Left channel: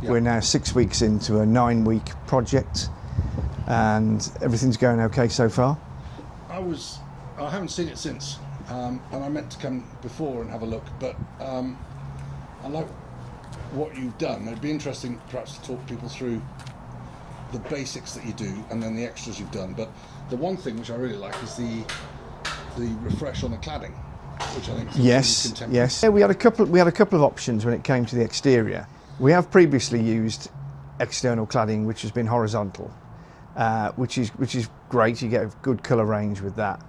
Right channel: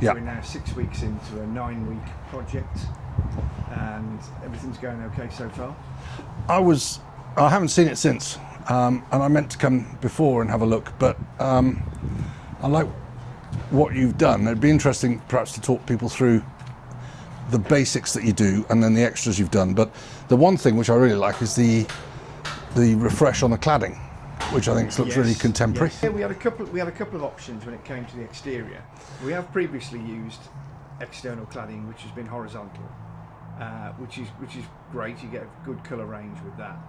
Yeah. We're now 6 weeks into a 9-week project, and everything's going okay so far. I haven't seen it since, and I meant to come before and have a look, but I like what you've done. It'd be interesting perhaps to talk people through the basics that you do and then the extras you've done. But the one thing which I really like is the refresh on the cladding, which I think looks really contemporary. Yes. Yeah, we had a couple of options when it came to the exterior. We have previously used external cladding which has been horizontal, which is great. You get a good colour range with that.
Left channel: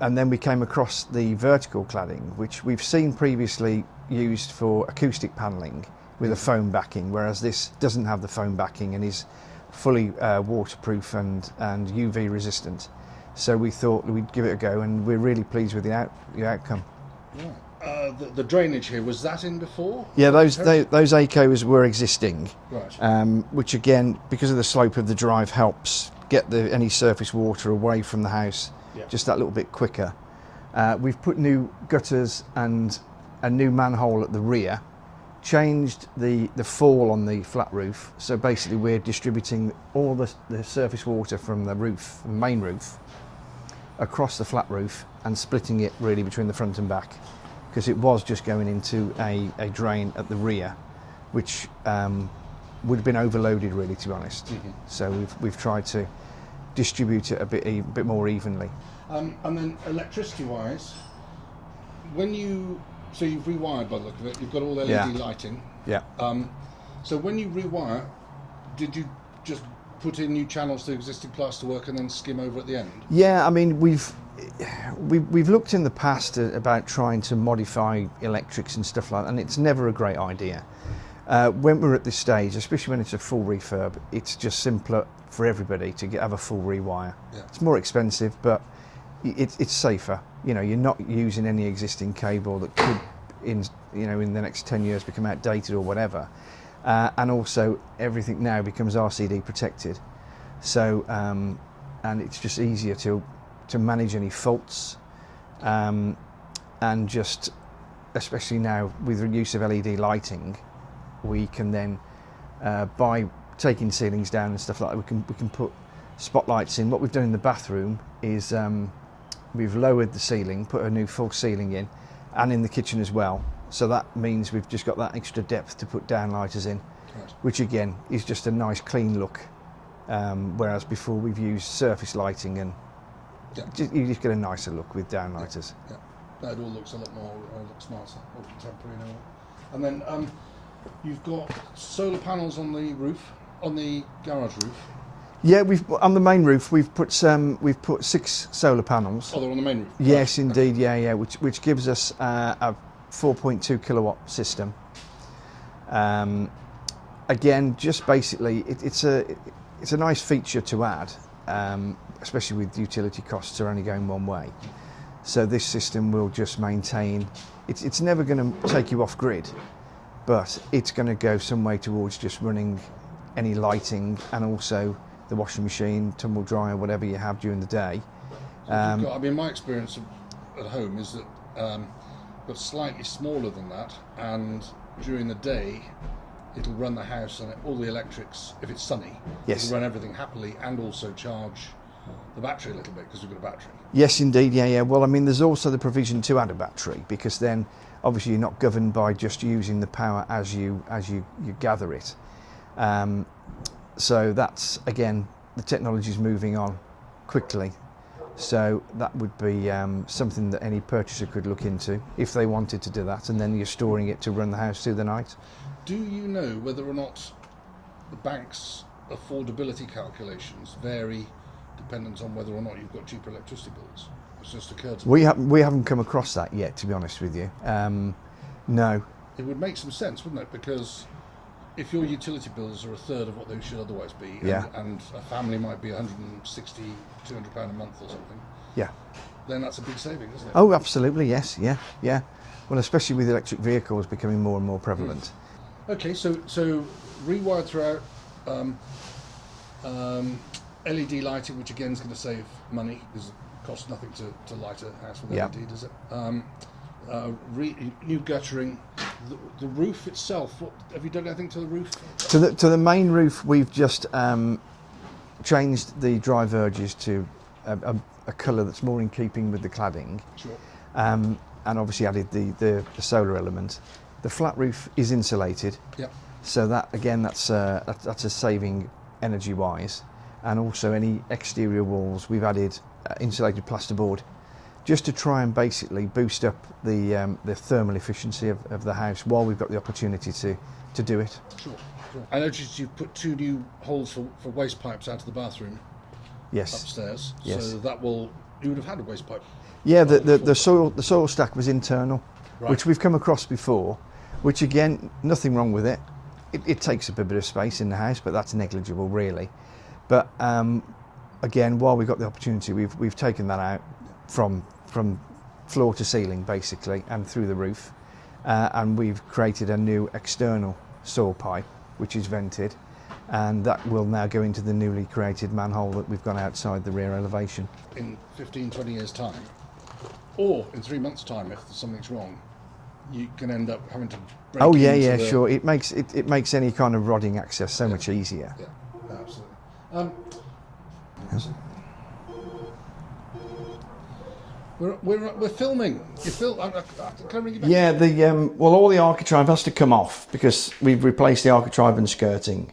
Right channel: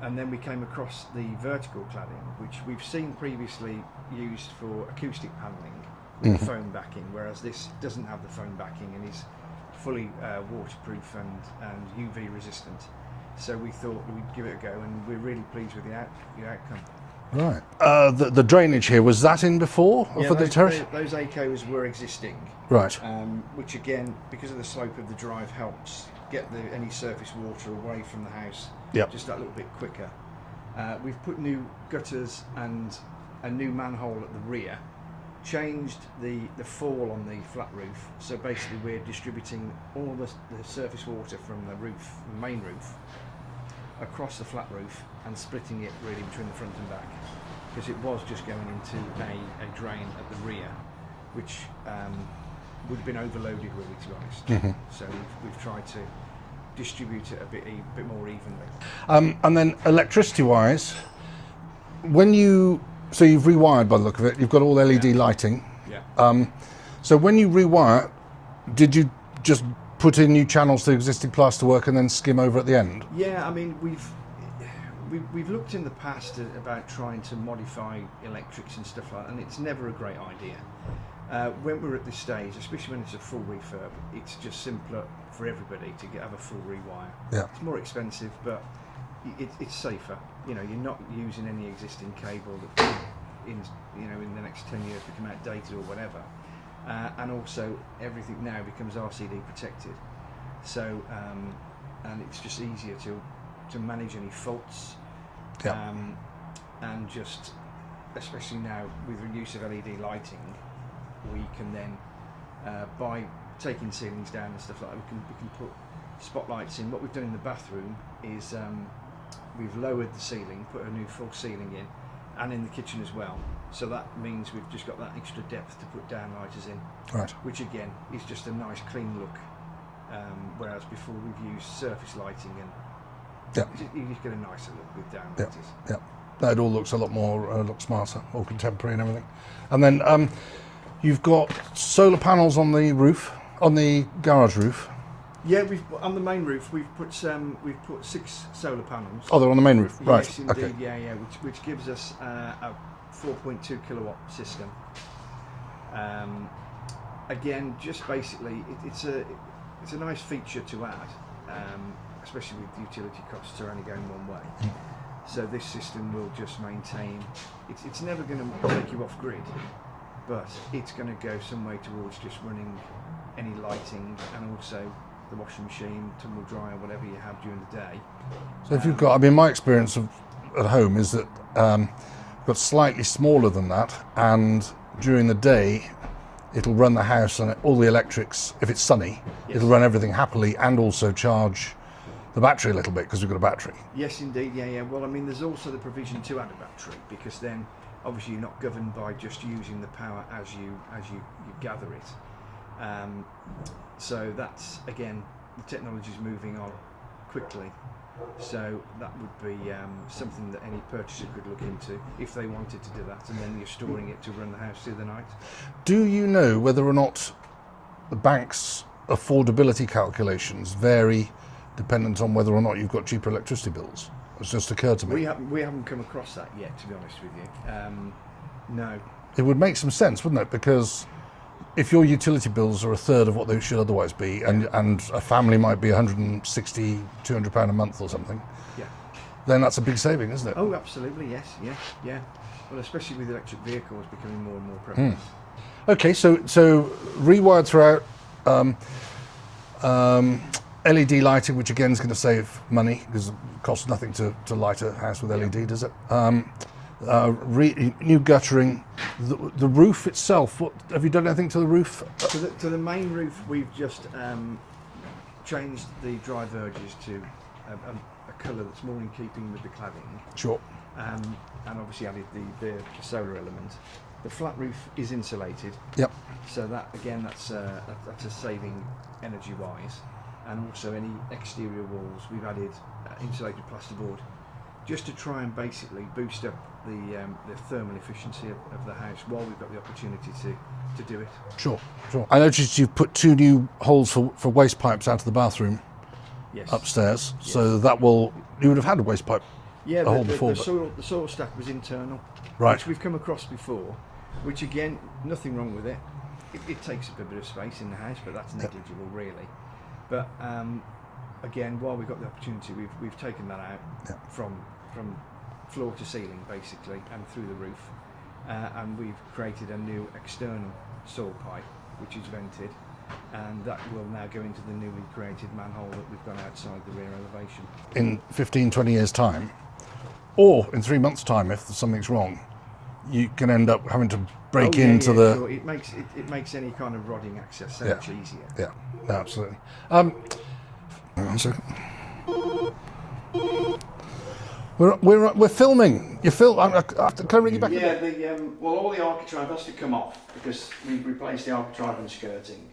And then we came across the vertical cladding, which we've seen previously used for acoustic panelling with a foam backing, whereas this doesn't have the foam backing and is fully waterproof and UV resistant. So we thought we'd give it a go, and we're really pleased with the outcome. Right. The drainage here, was that in before? Yeah, those ACOs were existing. Right. Which again, because of the slope of the drive, helps get any surface water away from the house just that little bit quicker. We've put new gutters and a new manhole at the rear, changed the fall on the flat roof, so basically we're distributing all the surface water from the roof, the main roof, across the flat roof and splitting it really between the front and back, because it was just going into a drain at the rear, which would have been overloaded really, to be honest. So we've tried to distribute it a bit more evenly. And then electricity wise, so you've rewired by the look of it, you've got all LED lighting. Yeah. So when you rewire, did you just put in new channels to existing plasterwork and then skim over at the end? Yeah, I mean, we've looked in the past about trying to modify electrics and stuff like that, and it's never a great idea. When we're at this stage, especially when it's a full refurb, it's just simpler for everybody to have a full rewire. Yeah. It's more expensive, but it's safer. You know, you're not using any existing cable that could, in the next 10 years, become outdated or whatever. And also, everything now becomes RCD protected. So, and it's just easier to manage any faults, and just, especially now with the use of LED lighting, we can then, by taking ceilings down and stuff like that, we can put spotlights in. What we've done in the bathroom is we've lowered the ceiling, put a new full ceiling in, and in the kitchen as well. So that means we've just got that extra depth to put downlighters in, right, which again is just a nice clean look. Whereas before we've used surface lighting, and you just get a nicer look with downlighters. Yeah, that all looks a lot more smarter, more contemporary and everything. And then you've got solar panels on the roof, on the garage roof. Yeah, on the main roof we've put 6 solar panels. Oh, they're on the main roof. Right. Yes, indeed. Okay. Yeah, which gives us a 4.2 kilowatt system. Again, just basically, it's a nice feature to add, especially with utility costs are only going one way. So this system will just maintain. It's never going to take you off grid, but it's going to go some way towards just running any lighting and also the washing machine, tumble dryer, whatever you have during the day. So if you've got, my experience at home is that I've got slightly smaller than that, and during the day it'll run the house and all the electrics, if it's sunny, it'll run everything happily and also charge the battery a little bit because we've got a battery. Yes, indeed. Yeah. Well, I mean, there's also the provision to add a battery, because then obviously you're not governed by just using the power as you gather it. So that's, again, the technology is moving on quickly. So that would be something that any purchaser could look into if they wanted to do that, and then you're storing it to run the house through the night. Do you know whether or not the bank's affordability calculations vary dependent on whether or not you've got cheaper electricity bills? It's just occurred to me. We haven't come across that yet, to be honest with you. No. It would make some sense, wouldn't it? Because if your utility bills are a third of what they should otherwise be, and a family might be 160, 200 pound a month or something, then that's a big saving, isn't it? Oh, absolutely, yes, yeah. Well, especially with electric vehicles becoming more and more prevalent. Okay, so rewired throughout, LED lighting, which again is going to save money because it costs nothing to light a house with LED, does it? new guttering, the roof itself. What have you done? Anything to the roof? To the main roof, we've just changed the dry verges to a colour that's more in keeping with the cladding. Sure. And obviously added the solar element. The flat roof is insulated. Yep. So that again, that's a saving energy-wise, and also any exterior walls we've added insulated plasterboard, just to try and basically boost up the thermal efficiency of the house while we've got the opportunity to do it. Sure. I noticed you've put 2 new holes for waste pipes out of the bathroom. Yes. Upstairs. Yes. So you would have had a waste pipe. Yeah, hole the before, soil stack was internal, Right. which we've come across before. Which again, nothing wrong with it. It takes up a bit of space in the house, but that's negligible really. But again, while we've got the opportunity, we've taken that out from floor to ceiling basically, and through the roof, and we've created a new external soil pipe which is vented, and that will now go into the newly created manhole that we've got outside the rear elevation. In 15, 20 years' time, or in 3 months' time, if something's wrong, you can end up having to break into the... Sure. It makes any kind of rodding access so much easier. Yeah, no, absolutely. One second. We're filming. You film. Can I ring you back? Yeah, all the architrave has to come off because we've replaced the architrave and skirting.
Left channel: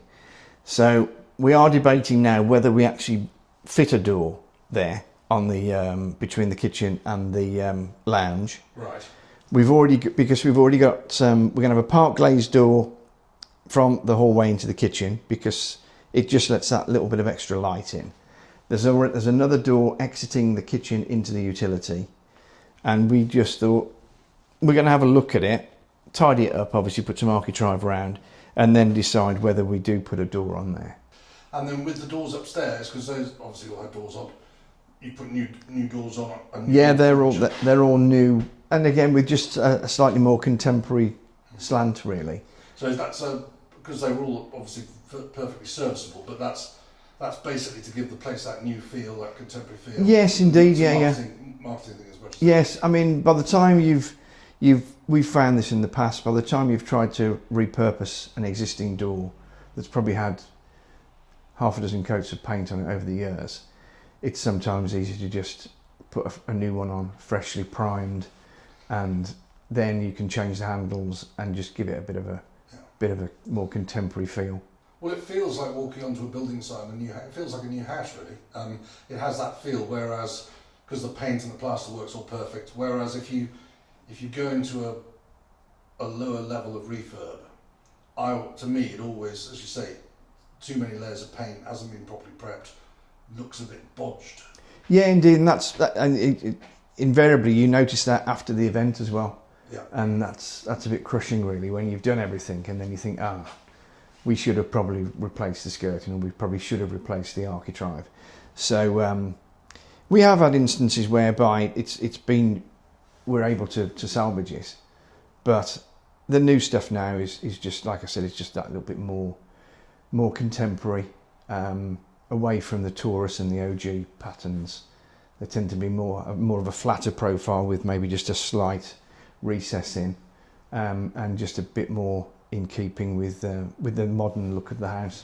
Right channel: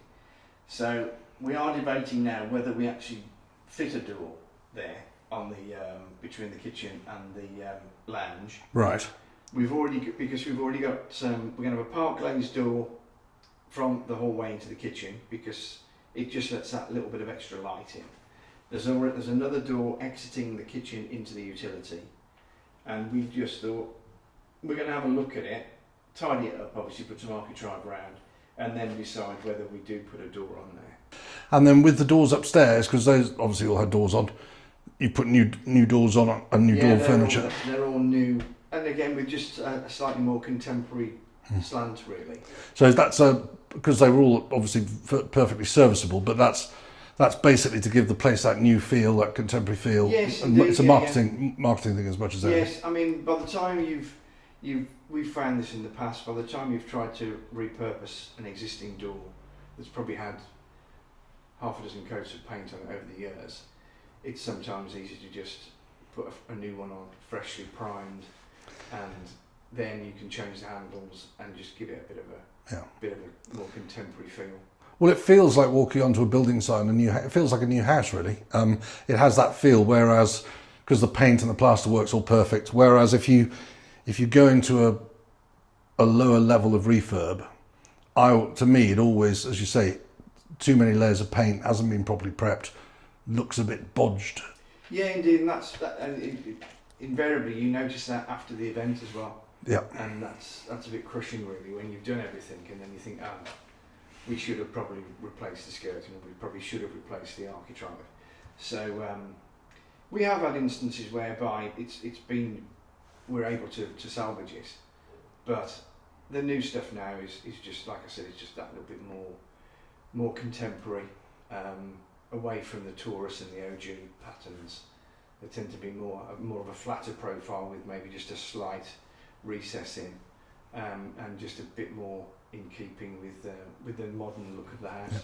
So we are debating now whether we actually fit a door there on the between the kitchen and the lounge. Right. We've already got we're going to have a park glazed door from the hallway into the kitchen because it just lets that little bit of extra light in. There's another door exiting the kitchen into the utility, and we just thought we're going to have a look at it, tidy it up, obviously put some architrave around, and then decide whether we do put a door on there. And then with the doors upstairs, because those obviously all had doors on, you put new doors on and new door furniture. they're all new, and again with just a slightly more contemporary slant really. So that's because they were all obviously perfectly serviceable, but that's basically to give the place that new feel, that contemporary feel. Yes, indeed. It's a marketing thing as much as yes. I mean, by the time we've found this in the past. By the time you've tried to repurpose an existing door that's probably had half a dozen coats of paint on it over the years, it's sometimes easy to just put a new one on, freshly primed, and then you can change the handles and just give it a bit of a more contemporary feel. Well, it feels like walking onto a building site and it feels like a new house, really. It has that feel, whereas, because the paint and the plaster work's all perfect, whereas if you go into a lower level of refurb, to me, it always, as you say, too many layers of paint, hasn't been properly prepped, looks a bit bodged. Yeah, indeed, and invariably you notice that after the event as well. Yeah. And that's a bit crushing, really, when you've done everything and then you think, we should have probably replaced the skirting, and we probably should have replaced the architrave. So we have had instances whereby we're able to salvage it, but the new stuff now is just, like I said, it's just that little bit more contemporary, away from the Taurus and the OG patterns. They tend to be more of a flatter profile with maybe just a slight recess in, and just a bit more in keeping with the modern look of the house.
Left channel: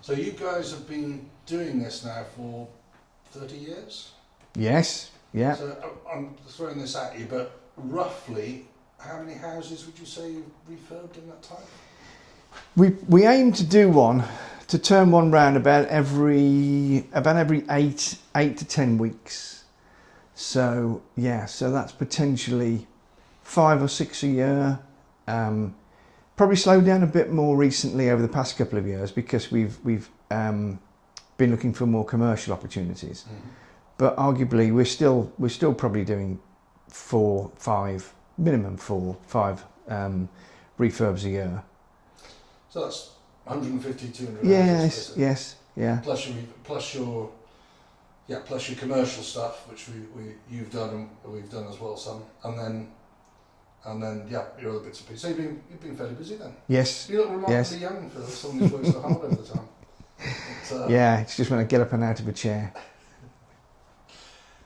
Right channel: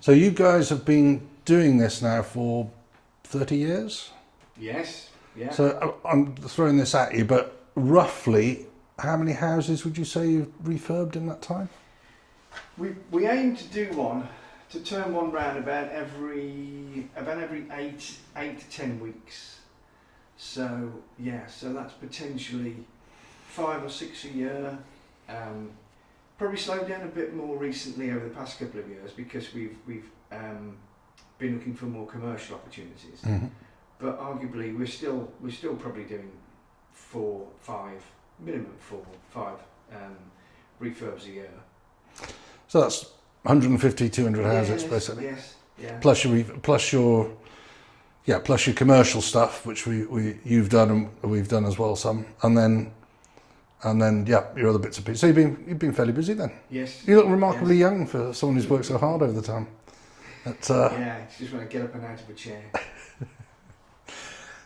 So you guys have been doing this now for 30 years? Yes, yeah. So I'm throwing this at you, but roughly how many houses would you say you've refurbed in that time? We aim to do one, to turn one round about every 8 to 10 weeks. So yeah, so that's potentially 5 or 6 a year. Probably slowed down a bit more recently over the past couple of years because we've been looking for more commercial opportunities. Mm-hmm. But arguably we're still probably doing minimum 4, 5 refurbs a year. So that's 150, 200 houses basically. Yes, yeah. Plus your commercial stuff, which you've done and we've done as well some, and then your other bits of pieces. So you've been fairly busy then. Yes. You look remarkably young for someone who's worked so hard over the time. Yeah, it's just when I get up and out of a chair.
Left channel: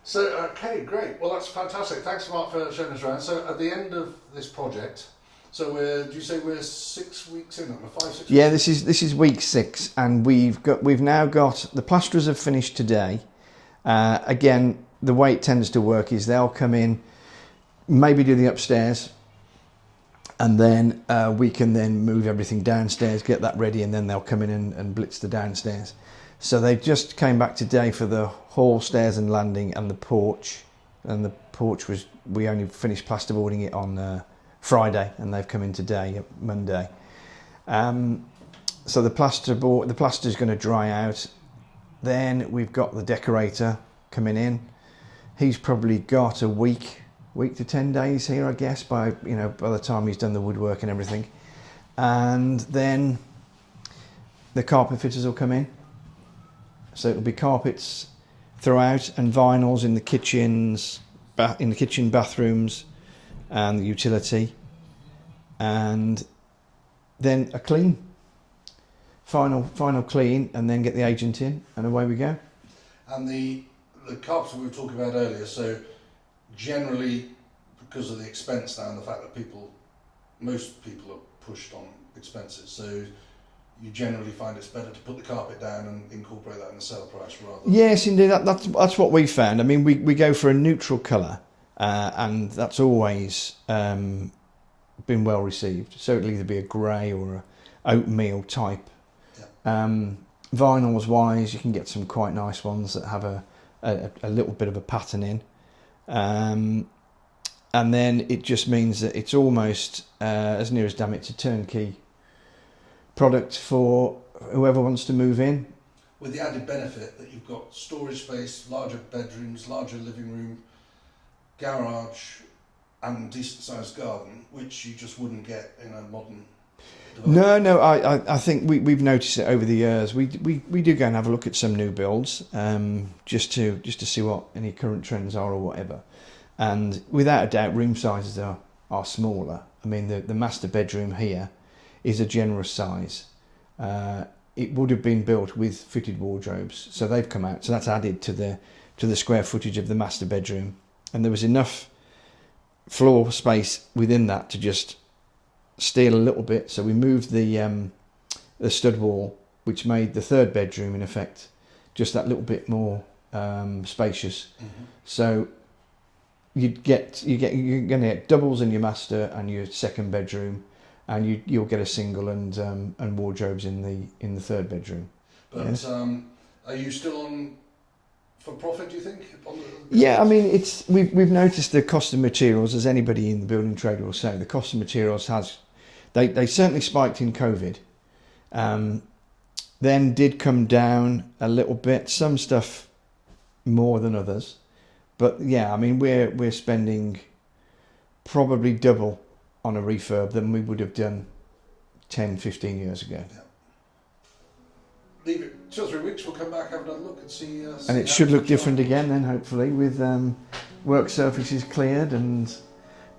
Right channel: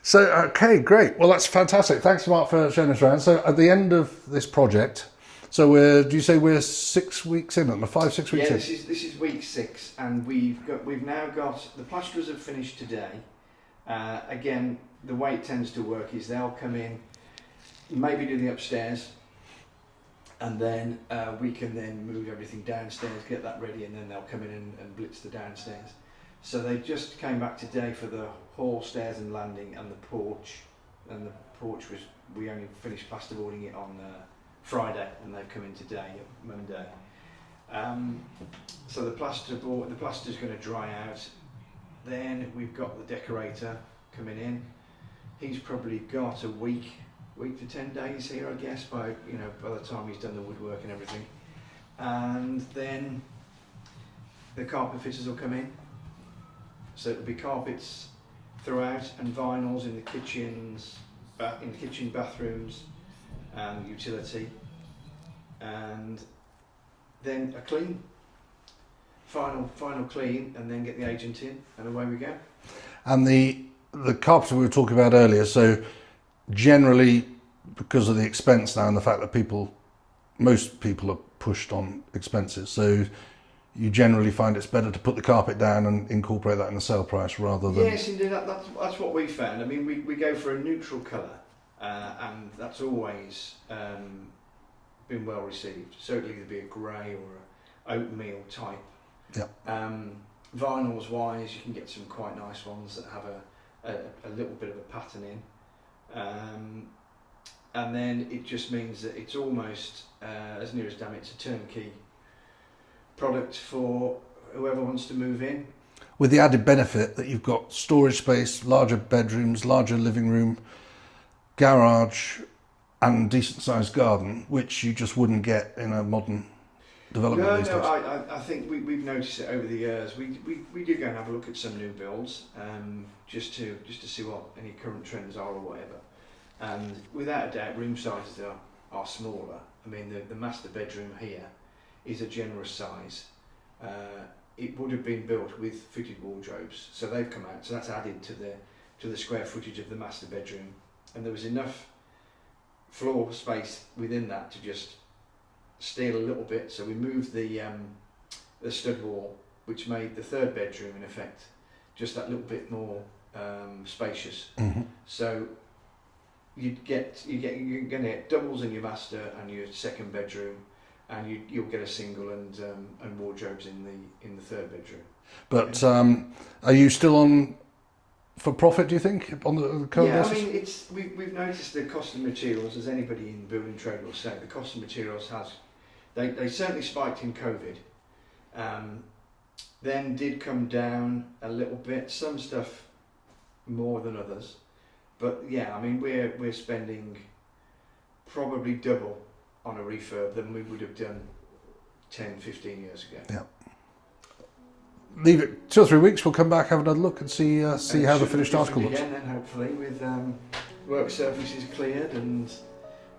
So, okay, great. Well, that's fantastic. Thanks, Mark, for showing us around. So, at the end of this project, so do you say we're 6 weeks in, or 5, 6 weeks Yeah, in? this is week 6, and we've now got the plasterers have finished today. Again, the way it tends to work is they'll come in, maybe do the upstairs, and then we can then move everything downstairs, get that ready, and then they'll come in and blitz the downstairs. So they just came back today for the hall, stairs and landing, and the porch. And the porch we only finished plasterboarding it on Friday, and they've come in today, Monday. So the plaster's going to dry out. Then we've got the decorator coming in. He's probably got a week to 10 days here, I guess, by the time he's done the woodwork and everything. And then the carpet fitters will come in. So it'll be carpets throughout and vinyls in the kitchens, in the kitchen, bathrooms, and the utility, and then a clean, final clean, and then get the agent in, and away we go. And the carpenter we were talking about earlier, so generally, because of the expense now and the fact that most people are pushed on expenses, so you generally find it's better to put the carpet down and incorporate that in the sale price rather than... Yes, indeed, that's what we found. I mean, we go for a neutral colour, and that's always been well received. So it'll either be a grey or a oatmeal type. Yeah. Vinyls wise, you can get some quite nice ones that have a little bit of a pattern in. And then it just means that it's almost, as near as damn it's a turnkey product for whoever wants to move in. With the added benefit that you've got storage space, larger bedrooms, larger living room, garage, and decent sized garden, which you just wouldn't get in a modern development. No, I think we've noticed it over the years. We do go and have a look at some new builds, just to see what any current trends are or whatever. And without a doubt, room sizes are smaller. I mean, the master bedroom here is a generous size. It would have been built with fitted wardrobes, so they've come out. So that's added to the square footage of the master bedroom, and there was enough floor space within that to just steal a little bit. So we moved the stud wall, which made the third bedroom in effect just that little bit more spacious. Mm-hmm. So you're going to get doubles in your master and your second bedroom, and you'll get a single and wardrobes in the third bedroom. But are you still on for profit, do you think? On the yeah, I mean, we've noticed the cost of materials, as anybody in the building trade will say. The cost of materials they certainly spiked in COVID, then did come down a little bit. Some stuff more than others, but yeah, I mean, we're spending probably double on a refurb than we would have done 10, 15 years ago. Yeah. Leave it 2 or 3 weeks, we'll come back, have another look and see And how it should the look finished different article again then, hopefully, with work surfaces cleared.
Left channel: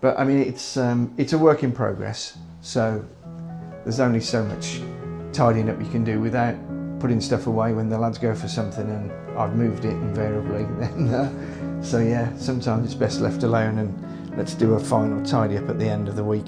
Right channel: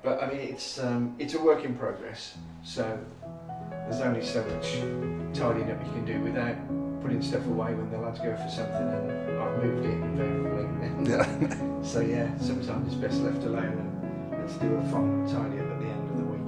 But I mean, it's a work in progress, so there's only so much tidying up you can do without putting stuff away when the lads go for something and I've moved it invariably. So yeah, sometimes it's best left alone, and let's do a final tidy up at the end of the week.